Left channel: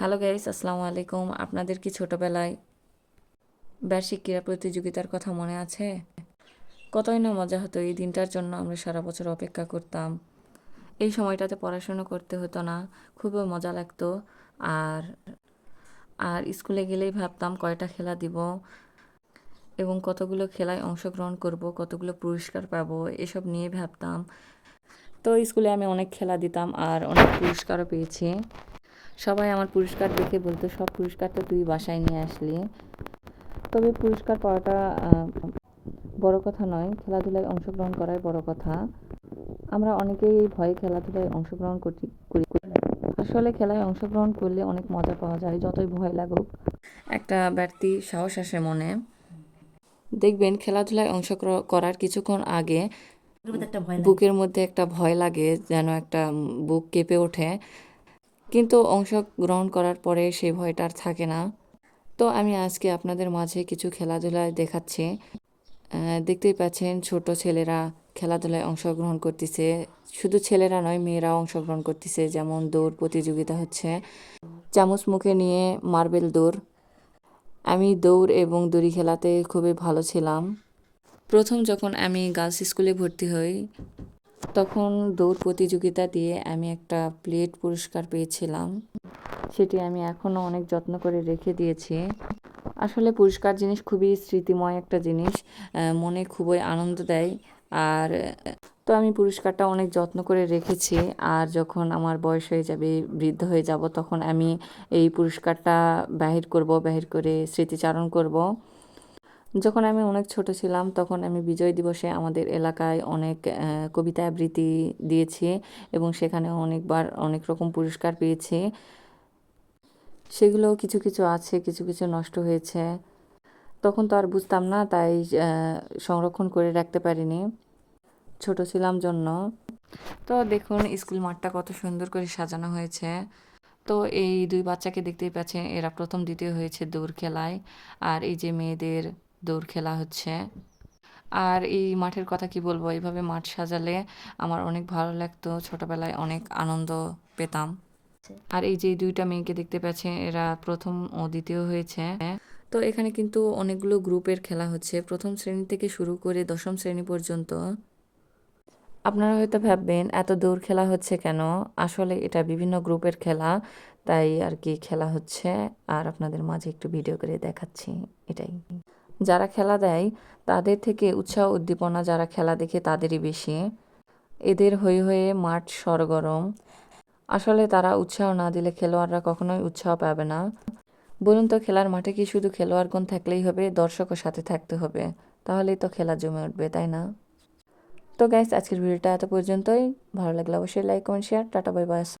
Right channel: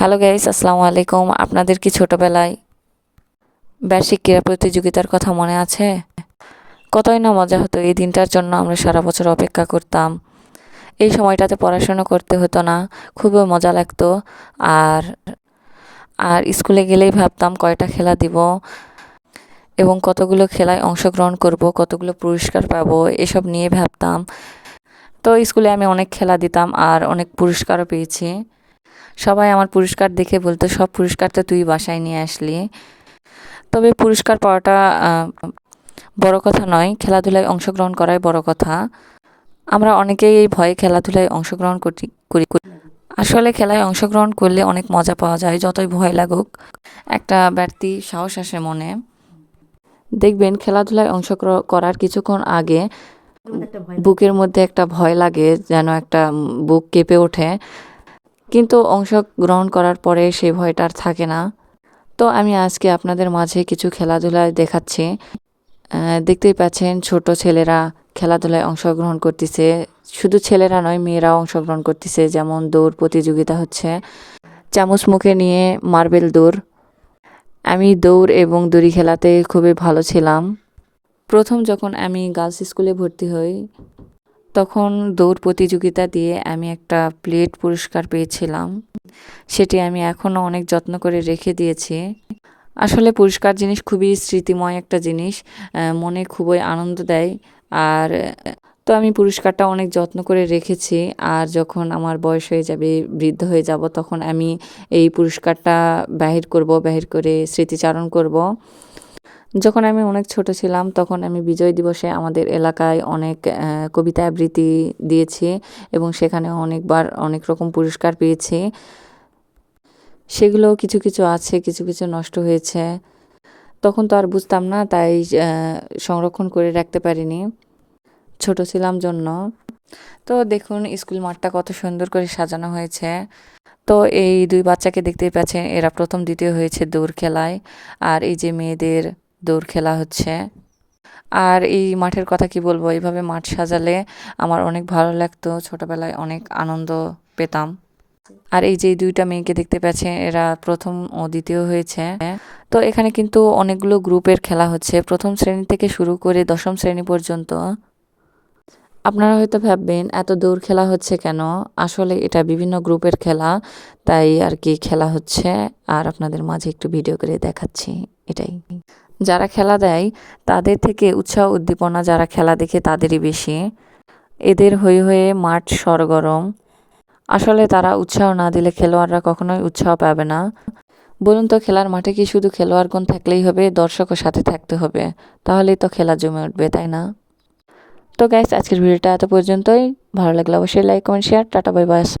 Hello guys, আসসালামু আলাইকুম। আপনাদের কি ছোটবেলায় বার্ষিক ক্রীড়া প্রতিযোগিতার কথা মনে আছে? কতই না মজা হতো এই দিনটার জন্য। আমরা সারা বছর অপেক্ষা করতাম। এই সময়টাতে পড়াশোনা করতে হতো না, খুবই মজা লাগতো। আর আর স্কুলে গেলেই ভাবতাম কয়টা খেলা দিব এবং কতগুলো খেলায় অংশগ্রহণ করব, কতগুলো পুরস্কার পাবো, এসব নিয়ে ভাবতাম। তো স্কুলে আমি অনেক খেলা দিতাম আর অনেক পুরস্কারও পেয়েছি। সবাই আমার পুরস্কার দেখে বলতো, সব পুরস্কার তো তুই বাসায় নিয়ে আসলি। তবে পুরস্কার পাওয়াটা বড় কথা নয়, খেলাধুলায় অংশগ্রহণ করাই বড় কথা। আমরা অনেকেই এই ভয়ে খেলাধুলায় অংশগ্রহণ করি। আসলে খেলায় অংশগ্রহণ করলে অনেক মজা পাওয়া যায়, যতই ভয় লাগুক একটা বাড়তি সাহস আসে মনে। দেখবেন খেলাধুলায় করার কিছুক্ষণ আগে বুকের মধ্যে একটা ভয় লাগে, যেন একটা বুক কেঁপে ওঠে। কিন্তু অংশগ্রহণ করার পরে সেই ভয়টা আর থাকে না। তো আমি আজকে আপনাদের মাঝে কিছু খেলাধুলায় দেখাচ্ছি। দেখতেই পাচ্ছেন ছোট ছেলেরা খেলাধুলায় অংশগ্রহণ করতেছে। শুধু ছেলেরা নয়, মেয়েরাও অংশগ্রহণ করতেছে। যেমন দৌড় প্রতিযোগিতা হচ্ছে, চামচ মুখে নিয়ে মার্বেল দৌড়। আমি দৌড় এবং দড়ি খেলাতে খুবই ভালো ছিলাম। প্রথম যখন আমি গার্লস স্কুলে ভর্তি হই, তখন দৌড় প্রতিযোগিতা দিয়ে আমি একটা প্লেট পুরস্কার পেয়েছিলাম। সেটি আমি এখনও অনেক যত্ন করে রেখে দিয়েছি। আসলে পুরস্কার জিনিস খুবই স্মৃতিময় একটা জিনিস, মনে খুবই আনন্দ দেয়। আর তো আমি পুরস্কারটা অনেক যত্ন করে রেখেছি। আর যখন আমার বয়স হয়ে যাবে, বৃদ্ধ হয়ে যাব, তখন আমি এই পুরস্কারটা বাহির করে স্মৃতিচারণ করব। যখন আমি অনেক ছোট ছিলাম, তখন আমি বিজয় দিবসে আমাদের এলাকায় অনেক কবিতা আবৃত্তি দিয়েছি এবং সেখানে অনেকবার অনেক রকম পুরস্কার পেয়েছি। সেগুলো কিছু কিছু আছে, কিছু কিছু নষ্ট হয়েছে। তখন তো আর বুঝতাম না, তাই সংরক্ষণ করে রাখতে পারিনি, ছোট ছিলাম জন্য। তো দেখুন স্কুল মাঠটা কত সুন্দর করে সাজানো হয়েছে। তো এই দুই বাচ্চাকে দেখতেই পাচ্ছেন, এরা প্রথম দ্বিতীয় হয়েছে দৌড় খেলায়। আর এই যে মেয়েদের দৌড় খেলা হচ্ছে। আর এই মাঠের কথা কি বলবো, এইভাবে মাঠ সাজালে আমার অনেক ভালো লাগতো, ছোটবেলায় অনেক আনন্দ পেতাম। আর এই যে দুইটা মেয়েকে দেখতে পাচ্ছেন, এরা প্রথম ও দ্বিতীয় হয়েছে। তো এখানে কিন্তু অনেকগুলো গ্রুপের খেলা হচ্ছে, প্রথম শ্রেণী থেকে শুরু করে দশম শ্রেণী পর্যন্ত। আপনারা হয়তো ভাববেন এত দৌড় খেলা হচ্ছে কেন? আসলে এটা বিভিন্ন গ্রুপের খেলা, তাই আর কি খেলা হচ্ছে। আর আপনাদের মাঝে একটু ভিডিও করে দেখাচ্ছি, এটাই। যারা খেলা দেয় তাদের থেকে উৎসাহ উদ্দীপনা যারা খেলা দেখে তাদেরই বেশি। এদের হয়ে হয়ে মাঠ সরগরম। আসলে তারা উৎসাহ না দিলে খেলোয়াড়রা কখনোই উৎসাহ পাবে না। বলুন তো, খেলার মাঠে কি শুধু খেলোয়াড়গণ থাকলেই হবে? দর্শকও সাথে থাকতে হবে, তাহলেই তো খেলা জমে উঠবে, তাই না? তো গাইস, আজকের ভিডিওটা এত পর্যন্তই। ভালো লাগলে অবশ্যই like comment share. Tata bye bye.